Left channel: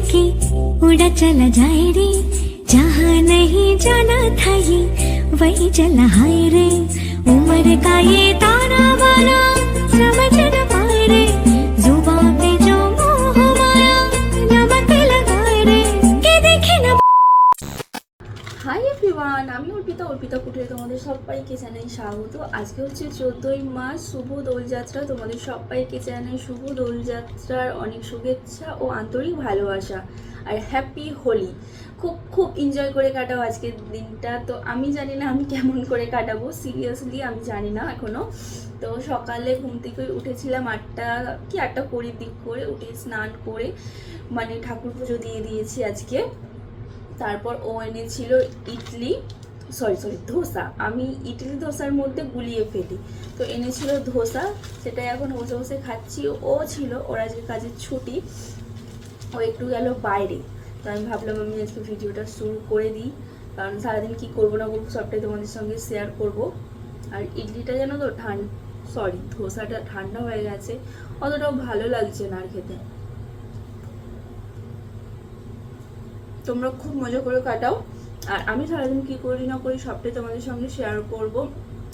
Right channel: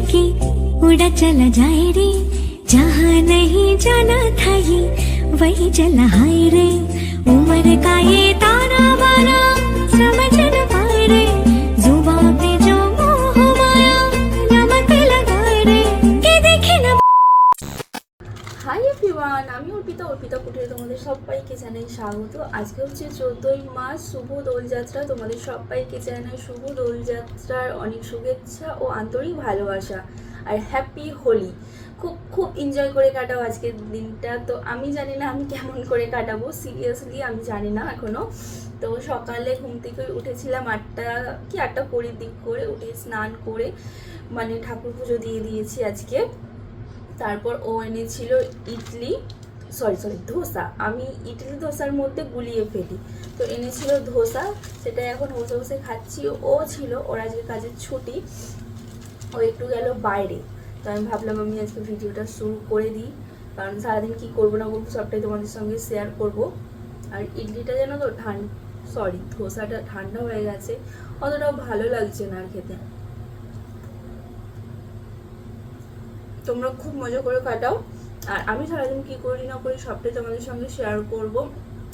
पंख लेके उड़ा चला जाए रे जहाँ नहीं जाना था ये वही चला हाय रे उम्र का ये ताना माना समझ न पाए रे जुबा पे जो मोह माया नमक लगाए रे के देखे न হাই এভরিওয়ান আমি অর্পিতা অর্পিতা কুটিরে তোমাদের সবাইকে জানাই স্বাগত। আজকে হচ্ছে চোদ্দোই মাস শুভ দোলযাত্রা। তোমাদের সবাইকে জানাই শুভ দোলযাত্রার অনেক শুভেচ্ছা ও আন্তরিক ভালোবাসা আর হ্যাপি হোলি। খুব খুব এনজয় করে কাটাও আজকের দিনটা। তো আমি জানি না আমি কেমন করে কাটাবো। সিরিয়াসলি আমি জানি না এখনও তো সকালে ঘুম থেকে উঠেছিলাম আটটা, কি আটটা কুড়ির দিক করে উঠে স্নান করে মানে ঠাকুর পুজো দিয়ে দিয়েছি আজকে। তারপর ও এনেছিল ইডলি। Sorry sorry, dosa. আমি ইডলি ধোসার মধ্যে গুলিয়ে ফেলি। তো এনেছিল ধোসা সেটা এখন বসে বসে খাচ্ছি। ও ছিল, ওর আজকে কাজের ছুটি। ও একটু গেল বাইরে। তো আমি ভাবলাম, আমি আজকে ভিডিওটা শুরু করে দিই। কারণ সারাদিন কী করব না করব সবটাই তোমাদের সঙ্গে শেয়ার করব। আর ইডলিটা যেন তো ঠান্ডা সরি, ধোসাটা ঠান্ডা হয়ে গেছে। অতটাও ভালো লাগছে না আর খেতে। তোমরা খুব মজা করে কাটাও। আর আমি সারাদিন কী করি না করি সবটাই তোমাদের সঙ্গে শেয়ার করব।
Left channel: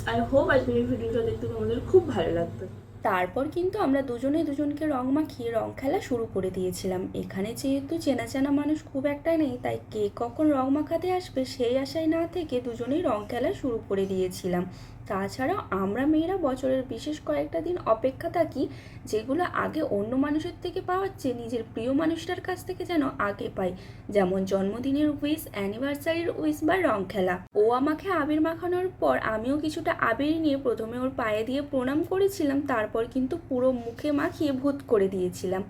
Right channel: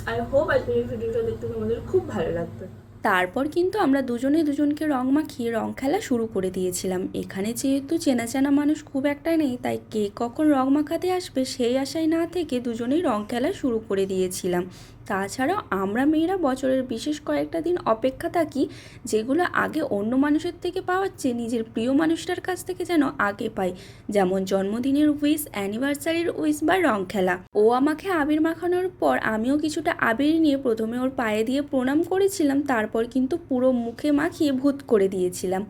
আই হোপ আজকের ভিডিওটা দেখতে তোমাদের খুব ভালো লাগবে। তারপর কিন্তু আমরা দুজনে দুজনকে রং মাখিয়ে রং খেলা শুরু করে দিয়েছিলাম। এখানে যেহেতু চেনা চেনা মানুষ খুব একটা নেই, তাই কে কখন রং মাখাতে আসবে সেই আশায় না থেকে দুজনেই রং খেলা শুরু করে দিয়েছিলাম। তাছাড়াও আমরা মেয়েরা বছরের বিশেষ কয়েকটা দিন অপেক্ষা থাকি, যেগুলো আগে অন্য মানুষের থেকে পাওয়ার চেয়ে নিজের প্রিয় মানুষটার কাছ থেকে যেন আগে পাই। যেমন জন্মদিনের উইস অ্যানিভার্সারির উইস বা রং খেলা। ও আমাকে আবির মাখানোর পর আমিও কিছুটা আবির নিয়ে প্রথমে ওর পায়ে দিয়ে প্রণাম করেছিলাম, তারপর কিন্তু পুরো মুখে মাখিয়ে ভূত করে দিয়েছিলাম।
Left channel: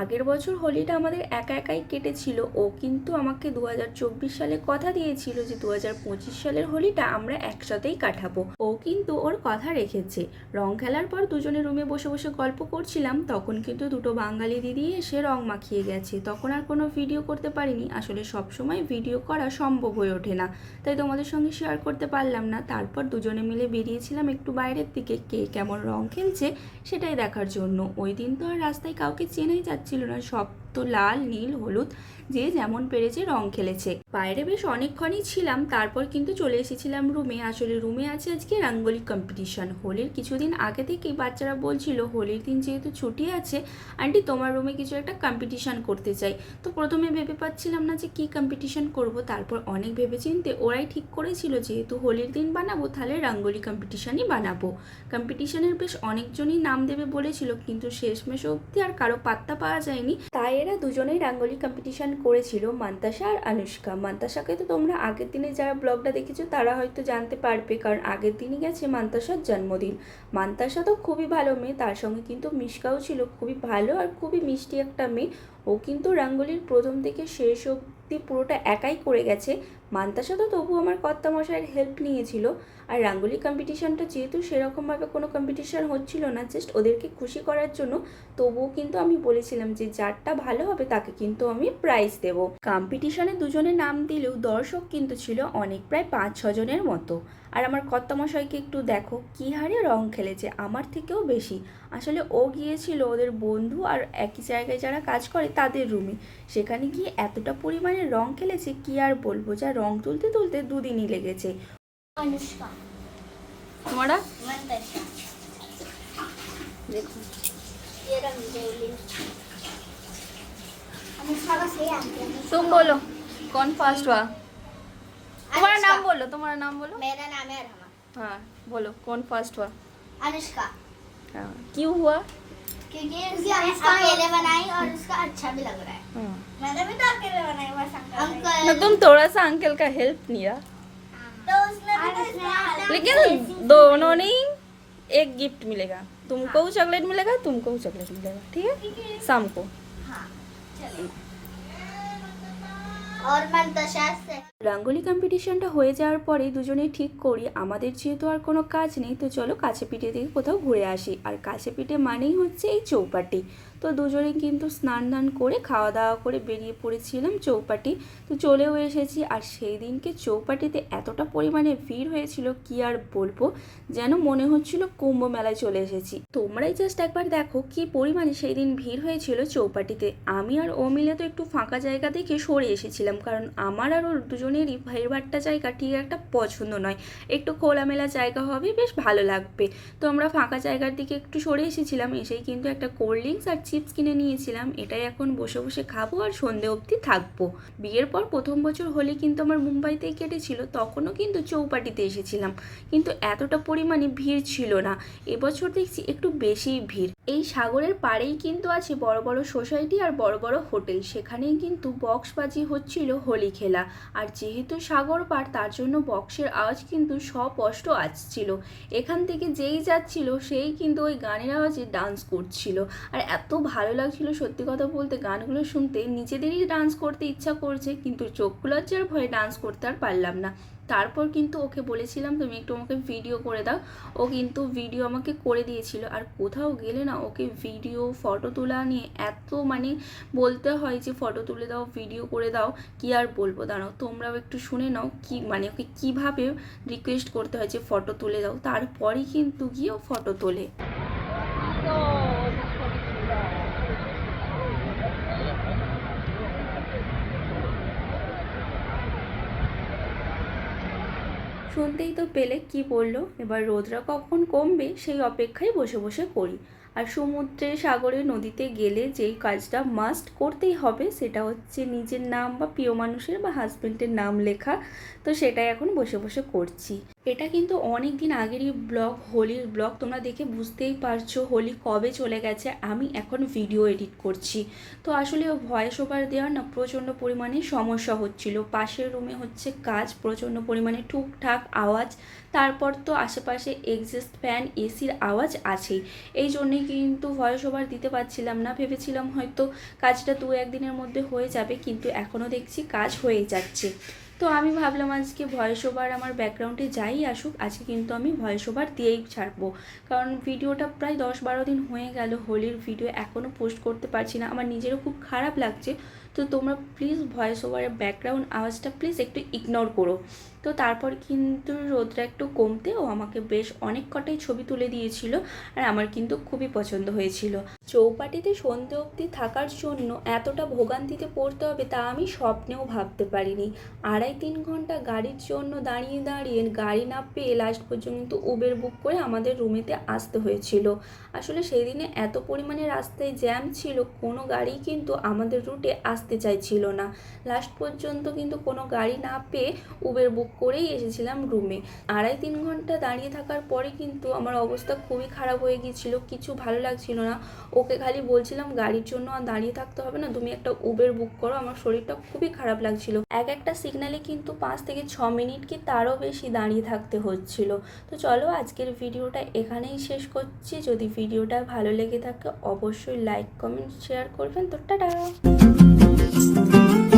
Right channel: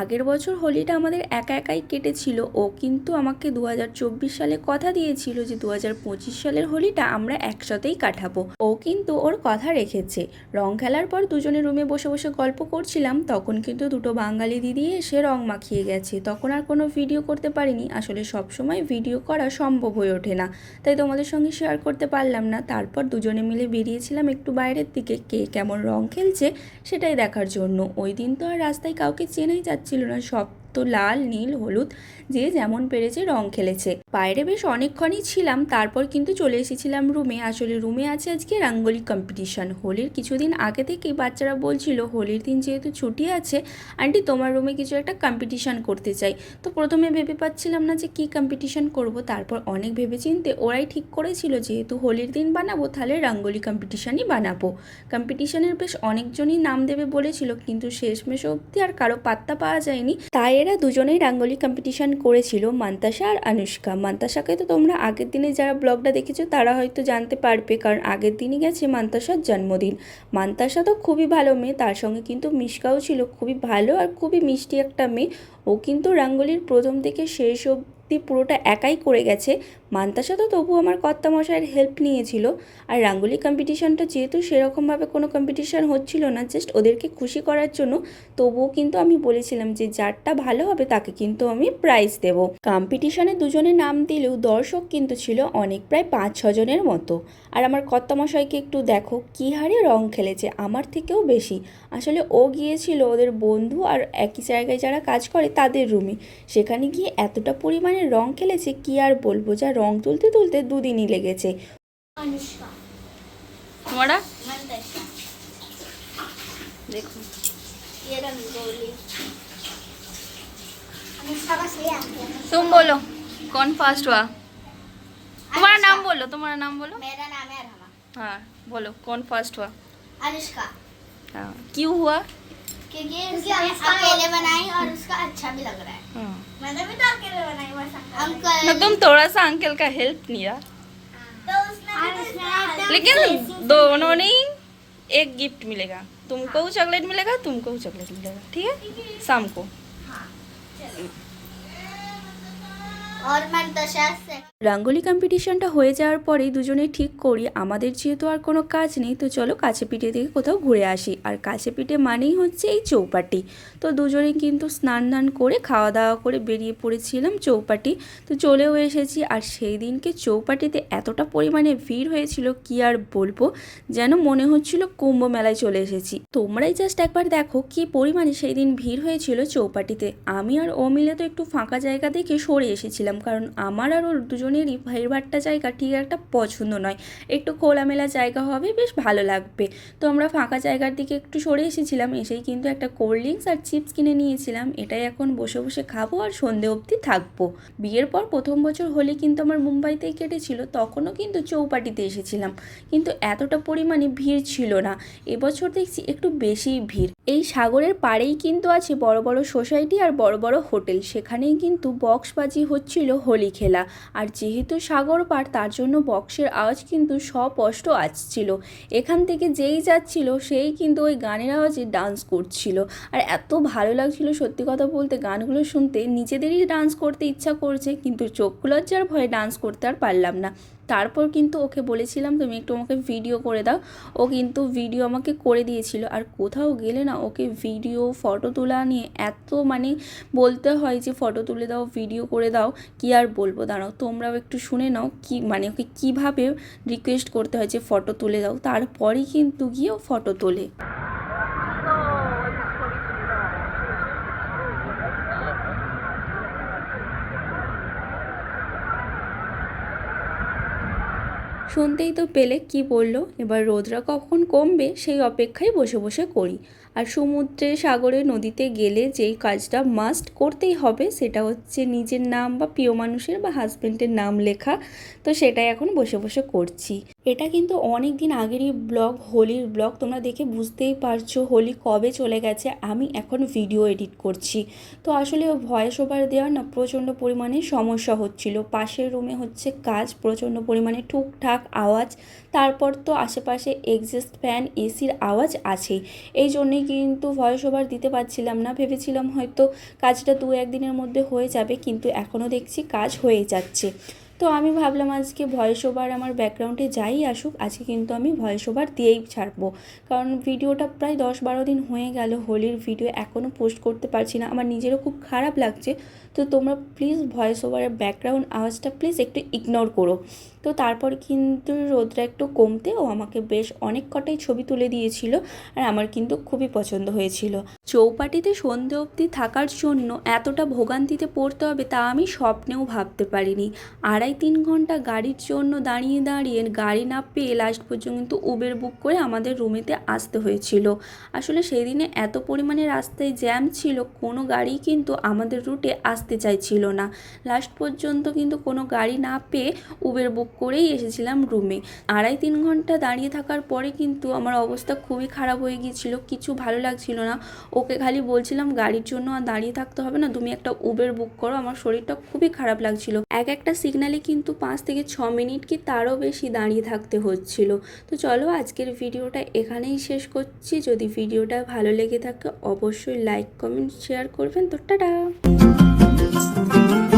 আগের বছর হোলিটা আমাদের একা একাই কেটেছিল, ও কিন্তু আমাকে দু হাজার চব্বিশ সালে কথা দিয়েছিল যে দু হাজার পঁচিশ সালের হোলিটা আমরা একসাথেই কাটাবো। ও কিন্তু ওর কথা রেখেছে। রং খেলার পর দুজনে রুমে বসে বসে গল্প করছিলাম, তখন কিন্তু দুটো বাঙালি দিদি এসে রং মাখিয়ে গেছে। তখন আর কোনো ভিডিও করতে পারিনি। আসলে সব সময় ভিডিও করা সম্ভব হয়ে ওঠে না। তাই তোমাদের সঙ্গে শেয়ার করতে পারলাম না। তারপর দুজনে মিলে বেরিয়েছিলাম একটু বাইরের দিকে। কে কেমন রং খেলছে সেটাই দেখার জন্য। ওই দিন তো আর রাস্তায় কাউকে চেনাই যাচ্ছিল না। সব তো লাল, নীল, হলুদ, যে যেমন পেরেছে রং খেলেছে। বাইরে বেশ অনেকক্ষণই ছিলাম, তারপর কিন্তু চলে এসেছিলাম রুমে। আসলে রুমে আছে আজকে রাঙ্গোলি কম্পিটিশন হোলির কিছুদিন আগে থেকেই বাচ্চারা বলছিল, হোলির দিন যেহেতু ছুটি আছে, আন্টি তোমার রুমে কিছু একটা কম্পিটিশন করতে চাই। তো প্রথমে ভেবে পাচ্ছিলাম না যে কী কম্পিটিশন করব, তারপর অনেক ভেবেচিন্তে ওরাই ঠিক করেছিল, যেহেতু হোলির দিন বানাবো, তাহলে রাঙ্গোলি কম্পিটিশনই বানাবো। কম্পিটিশনের বেশ অনেকজনই নাম দেবে বলেছিল, কিন্তু শেষমেশ অবধি আর কারও পাত্তা পাওয়া যায়নি। তাই এরা দুজনেই রাঙ্গলি কম্পিটিশান করেছিল মান্তাসা আর আনুষ্কা। মান্তাসাকে তো তোমরা আগের দিনে যারা ব্লগটা দেখেছ, তারা হয়তো জানতে পারবে, কারণ আগের দিনই গেছে মান্তাসার জন্মদিন। মান্তাসা তো খুবই ভালো মেয়ে, তার সঙ্গে কিন্তু মিশকাও ছিল, খুবই ভালো আর খুবই মিষ্টি একটা মেয়ে। ও কিন্তু রাঙ্গলির প্রথম থেকে শেষ অব্দি পুরোটা একাই করে গেছে। মান্তাসা তো তবু আমার কর্তামশাইয়ের হেল্প নিয়েছিল। আর রাঙ্গোলি কম্পিটিশনটা যেহেতু সেরকমভাবে কোনো কম্পিটিশন হচ্ছিল না জাস্ট ওদেরকে খুশি করার জন্য, তবুও কিন্তু আমি বলেছিলাম যে যারটা ভালো হবে তাকে কিন্তু আমি প্রাইজ দেব। কম্পিটিশনে দুজনে নাম দিলেও দর্শক কিন্তু ছিল অনেক, প্রায় পাঁচ ছজনের মতো। আর আমার কর্তামশাইকে একটু দেখো, কী হারে রং খেলেছে, আমার থেকেও বেশি। আসলে ও গিয়েছিল ওদের বন্ধু আর একই জায়গায় যারা কাজ করে তাদের রুমে সেখানে গিয়ে এতটা পরিমাণে রং খেলেছে, কি আর বলব, যা রং তুলতে তুলতে দুদিনই লেগেছে अनुष्का তোমারা मंतशा দেখো ये रंगोली अनुष्का का सही आंसर तुम बोलो कौन फास्ट हुआ तुम्हारा नाम बोलो तुम्हारा नाम बोलो मेरा नाम है रमा हाँ बोलो कौन फास्ट हुआ अनुष्का हाँ क्यों हुआ क्योंकि उसने अकेले बनाई और उसका अच्छा भी लग रहा है। हाँ। मैंने भी तो अकेले बनाई बस अंकल ना तुम थोड़ा सा अंकल का हेल्प लिया तो उसने तो लेकिन दोनों ने एक गिफ्ट मिलेगा। तुमको चॉकलेट मिलेगा तुमको चॉकलेट मिलेगा ठीक है? शाम को। हाँ রাঙ্গোলি কম্পিটিশনটা হয়ে যাওয়ার পরেই দুজনে ঠিক করি, আমাদের যেহেতু আর কোনো কাজ নেই, তো চলো কাছে পিঠে থেকে কোথাও ঘুরে আসি। আর কাছে পিঠে মানেই হচ্ছে এই চৌপাটি। তো দুজনে কিন্তু স্নান দান করে খাওয়া দাওয়া করে বেরিয়ে পড়েছিলাম চৌপাটি। তো চলেও এসেছি, আর সেই দিনকে চৌপাটিতে এতটা পরিমাণে ভিড় হয়েছিল, কি আর বলব? যেন মনে হচ্ছিল কুম্ভ মেলায় চলে এসেছি। তোমরাই জাস্ট একবার দেখো কি পরিমাণে সেই দিন ভিড় হয়েছিল চৌপাটিতে। আমি আর ও মিলে তো একটু ফাঁকা জায়গা দেখে সরে এসেছিলাম। কারণ আমার আর ওর দুজনেরই ভাইভাট্টা জায়গা ঠিক একটা পছন্দ নয়। একটু খোলামেলা জায়গা হবে, বেশ ভালো লাগবে। তো আমরা ফাঁকা জায়গার দিকে একটু সরে এসেছিলাম, এসেই কিন্তু একটা কোল্ড ড্রিঙ্কস আর চিপস কিনে নিয়েছিলাম। এটাই এখন বসে বসে খাব আর সন্ধে অবধি থাকব। বিয়ের পর প্রথম বছর হলে কিন্তু আমার মুম্বাইতেই কেটেছিল, তখনও কিন্তু চৌপাটিতে এসেছিলাম। কিন্তু এতটা পরিমাণে ভিড় ছিল না। এবছর দেখছি একটু বেশিই ভিড়। এই সাগরের পাড়েই কিন্তু আছে বড় বড় সোসাইটি আর বড় বড় হোটেল। সেখানেই কিন্তু বক্সবাজি হচ্ছিল হোলি খেলা। আর যেহেতু সাগর পাড়, তার জন্য বক্সের আওয়াজ কিন্তু স্পষ্ট আসছিল। এখান থেকে যেই যাচ্ছিল, সেই কিন্তু ওই গানের আওয়াজে ডান্স করছিল। আর এত ভালো লাগছিল সত্যি কথা বলতে গানগুলো শুনতে। নিজেদেরই ডান্স করতে ইচ্ছা করছে, কিন্তু চোখ লজ্জার ভয়ে ডান্স করতে আর পারলাম না। তারপর কিন্তু ওকে বলেছিলাম, তুমি একটু আমাকে ভিডিও করে দাও। ও কিন্তু ভিডিও আমাকে করে দিয়েছিল। আর কোথাও গেলে না ওকে ভিডিও ফটো তোলা নিয়ে এত মানে বলতে হয় যে ফটো তুলে দাও ভিডিও করে দাও। কি আর বলব? দাঁড়াও, তোমরাও একটু শুনে নাও কি মানে ওকে কীভাবে রিকোয়েস্ট করতে হয় যে ফটো তুলে দাও। তারপরেই কিন্তু গিয়ে ও ফটো তোলে। শুনতেই তো পেলে কি বলল। এবার রোদরা কখন কমবে সেই অপেক্ষায় বসে বসে করি। আর সমুদ্রে সাগরে নদীতে গেলে যেই কাজটা মাস্ট করতেই হবে সেটা হচ্ছে নিজের নাম বা প্রিয় মানুষের বা হাজব্যান্ডের নাম লেখা। তো সেটাই এখন বসে বসে করছি। এটা কিন্তু অনেক দিন আগেরই ব্লগ, হোলির ব্লগ, তোমরা দেখে বুঝতেই পারছ হোলি কবে চলে গেছে। আমি এখন ভিডিও এডিট করছি। তো আসলে ভয়েস ওভার দেওয়ার না প্রচণ্ড পরিমাণে সমস্যা হচ্ছিল। পাশের রুমে হচ্ছে কাজ, প্রচণ্ড পরিমাণে টুকটাক আওয়াজ, তারপর তো আশেপাশে এক্সস্ট ফ্যান এসির আওয়াজ আছেই। এই জন্যেই কিন্তু ভয়েস ওভার দিতে পারছিলাম না। ভেবেছিলাম হয়তো কাজটা দু একদিনের মধ্যে হয়ে যাবে, কিন্তু এখনও দেখছি কাজ হয়ে যাচ্ছে। তো আমি ভাবলাম আজকে ভয়েস ওভার আমার ব্যাকগ্রাউন্ডে যাই আসুক, আজকে কিন্তু আমি ভয়েস ওভার দিয়েই ছাড়বো। কারণ ভিডিওটা প্রায় দশ বারো দিন হয়ে গেল, হোলির ভিডিও এখনও পোস্ট করতে পারছি না। আমার নিজেরও খুব খারাপ লাগছে। তো তোমরা প্লিজ ভয়েস ওভারের ব্যাকগ্রাউন্ড আওয়াজটা প্লিজ একটু ইগনোর করো। তো তারপর কিন্তু রোদটা একটু কমতে ও আমাকে বেশ অনেক কটাই ছবি তুলে দিয়েছিল আর আমার কিন্তু খুবই পছন্দ হয়েছিল। চৌপাটিতে সন্ধে অবধি থাকার জন্য এতটা ভোগান্তিতে পড়তে হবে তা আমি স্বপ্নেও ভাবতে পারিনি। আড়াই তিন ঘণ্টা গাড়ির জন্য দাঁড়িয়ে দাঁড়িয়ে গাড়ি না পেয়ে লাস্ট পর্যন্ত উবের বুক করে আমাদের রুমেতে আসতে হয়েছিল। আসলে সেই দিনে এত পরিমাণে রাস্তায় জ্যাম ছিল, কোনো গাড়ি কিন্তু আমাদের রুটে আসতে চাইছিল না। লাস্ট পর্যন্ত কিন্তু কোনো গাড়ি না পেয়ে উবের বুক করেই এসেছিলাম রুমে আড়াই তিন ঘণ্টা দাঁড়িয়ে থাকার পরে কিন্তু আমার অবস্থা খুবই খারাপ হয়ে গিয়েছিল, কিছু ভালো লাগছিল না। ওকে খালি বলছিলাম, গাড়ির জন্য আর দাঁড়িয়ে থাকতে হবে না, তুমি একটা উবের বুক করো, আমার শরীরটা খুবই খারাপ লাগছিল। এক একটা সিগনালে কিন্তু পাঁচ থেকে ছ মিনিট কি তারও বেশি দাঁড়িয়ে থাকতে হচ্ছিল। তো চলো আজকের ভিডিওটা এখানেই শেষ করছি। যদি ভিডিওটা ভালো লেগে থাকে, অবশ্যই লাইক কমেন্ট শেয়ার করবেন। তো টাটা! Müzik